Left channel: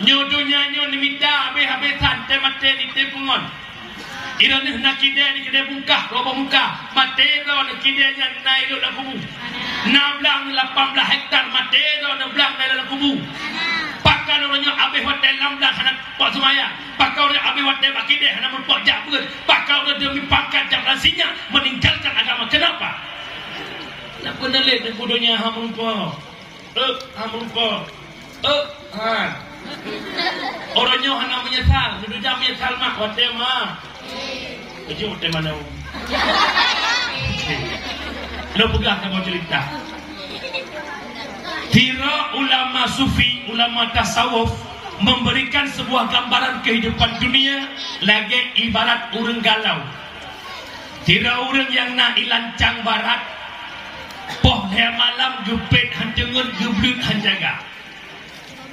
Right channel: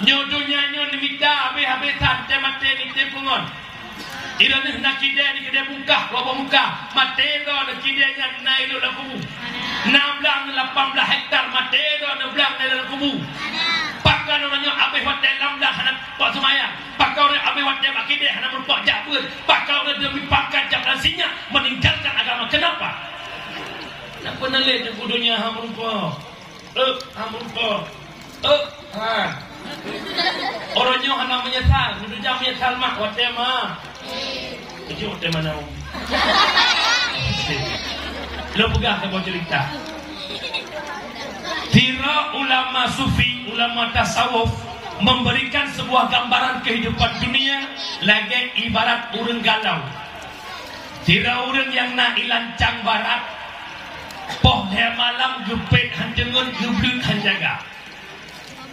nyodonya nyon minta habis santai mate ni tempungon. Ira ni nak kide ni kide bungkah lobo muka mate do nak kide nya nai do lakubu. 16 18 hektar mate do nak belang nai do lakubu. Pakai orangnya habis hotel 16 anak pak semaya. Pakai orang habis hotel akide anak mun pak jabut. Pakai orang demi pakai jablasinya meninggalkan agama. Kenapa? Nak penelit di bodohnya hamun ko. Hamun ko. Orangnya hana menyesal, duduk jam menyesal mak hotel mah. Jadi hotel mana? Lo pegah sama cerita. Tira ulama sufi, ulama tasawuf memberikan sebuah gambaran kehidupan dunia lagi ibarat urang galau. Tira urang yang nak ilancang barat, poh malam gepet handengun geblut hanjaga.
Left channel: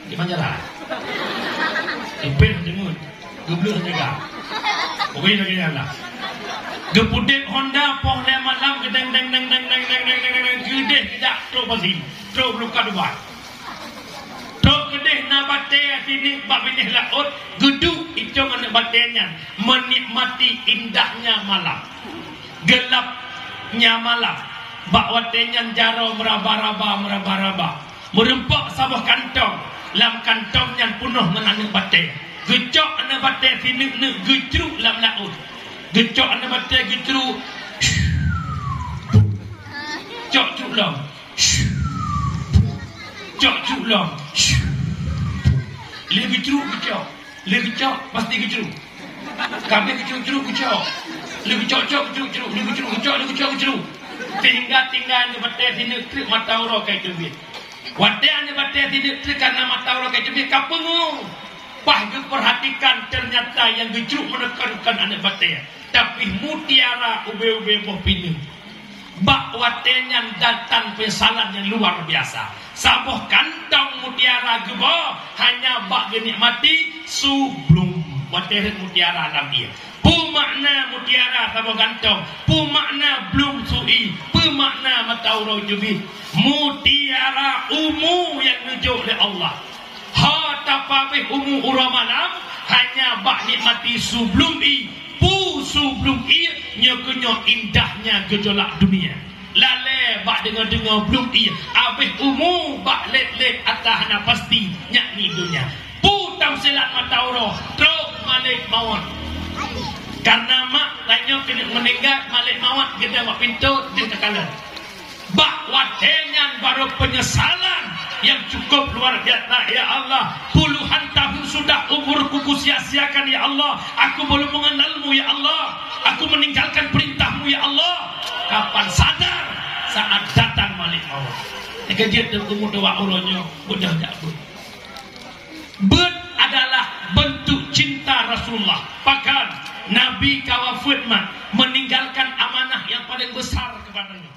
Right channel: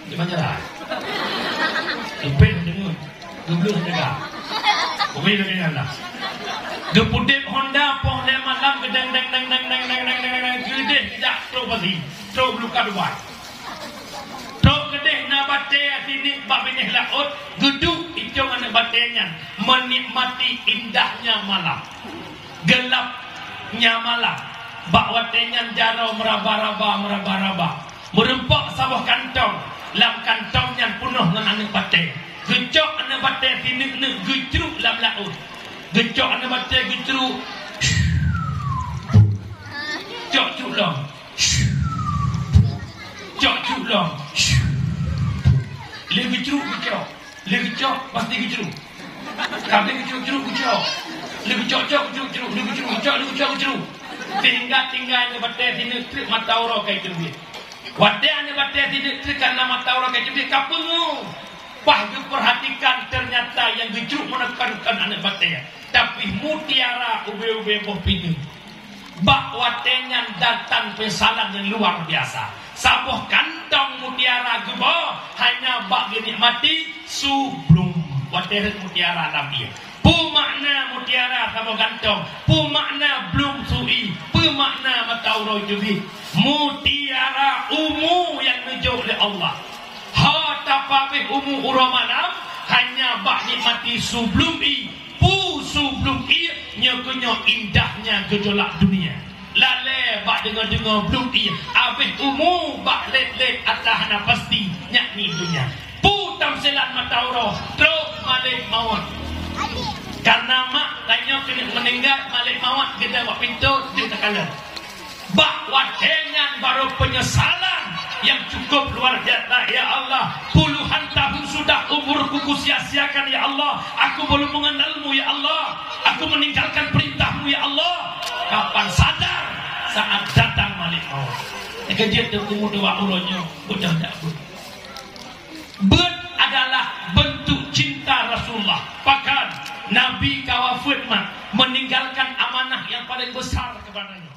Gimana lah? Gepet handengun geblut hanjaga. Oke dengan Allah. Gepudek Honda poh malam gedeng deng deng deng deng deng deng deng gede tidak tro pasti tro luka dua. Tro gede na bate sini bab ini laut duduk itu mana batenya menikmati indahnya malam. Gelapnya malam. Bak watenya jaro meraba-raba. Merempak sabah kantong. Lam kantong yang penuh dengan anak bate. Gecok anak bate sini gecruk lam laut. Gecok anak bate gecruk. Cok culong. Cok culong. Lebih ceruk gecok. Lebih cok pasti gecruk. Kami gecruk gecok. Lebih cok gecruk. Lebih ceruk gecok. Lebih cok gecruk. Tinggal ni batai di negeri mata orang kayak tu. Wadah ni batai di negeri karena mata orang kayak tu. Kapengu. Pahju perhatikan ternyata yang gejruk menekan anak batai. Tapi mutiara ube-ube boh pining. Bak watenya datang pesanan yang luar biasa. Sabuh kantong mutiara gebo hanya bak dinikmati sebelum wadah mutiara lagi. Pu makna mutiara sabuh kantong, pu makna belum sui, pu makna mata urang jubi. Mutiara umu yang nujuk oleh Allah. Ha tapapih umu urang malam hanya bak nikmati sebelum pu sebelum nyokunyo indahnya gejolak dunia. Lale bak dengar-dengar belum abih umu bak let-let atas na pasti nyakni dunia. Pu tamsilat mata urang terus malik maut. Karena mak tanya kena meninggal malik maut kita buat pintu dia terkalah. Bak watenya baru penyesalan yang cukup luar biasa. Ya Allah, puluhan tahun sudah umurku sia-siakan ya Allah. Aku belum mengenalmu ya Allah. Aku meninggalkan perintahmu ya Allah. Kapan sadar? Saat datang malik maut. Kejiat dan umur doa ulonyo udah tak pun. Adalah bentuk cinta Rasulullah. Bahkan Nabi kawafut meninggalkan amanah yang paling besar kepadanya.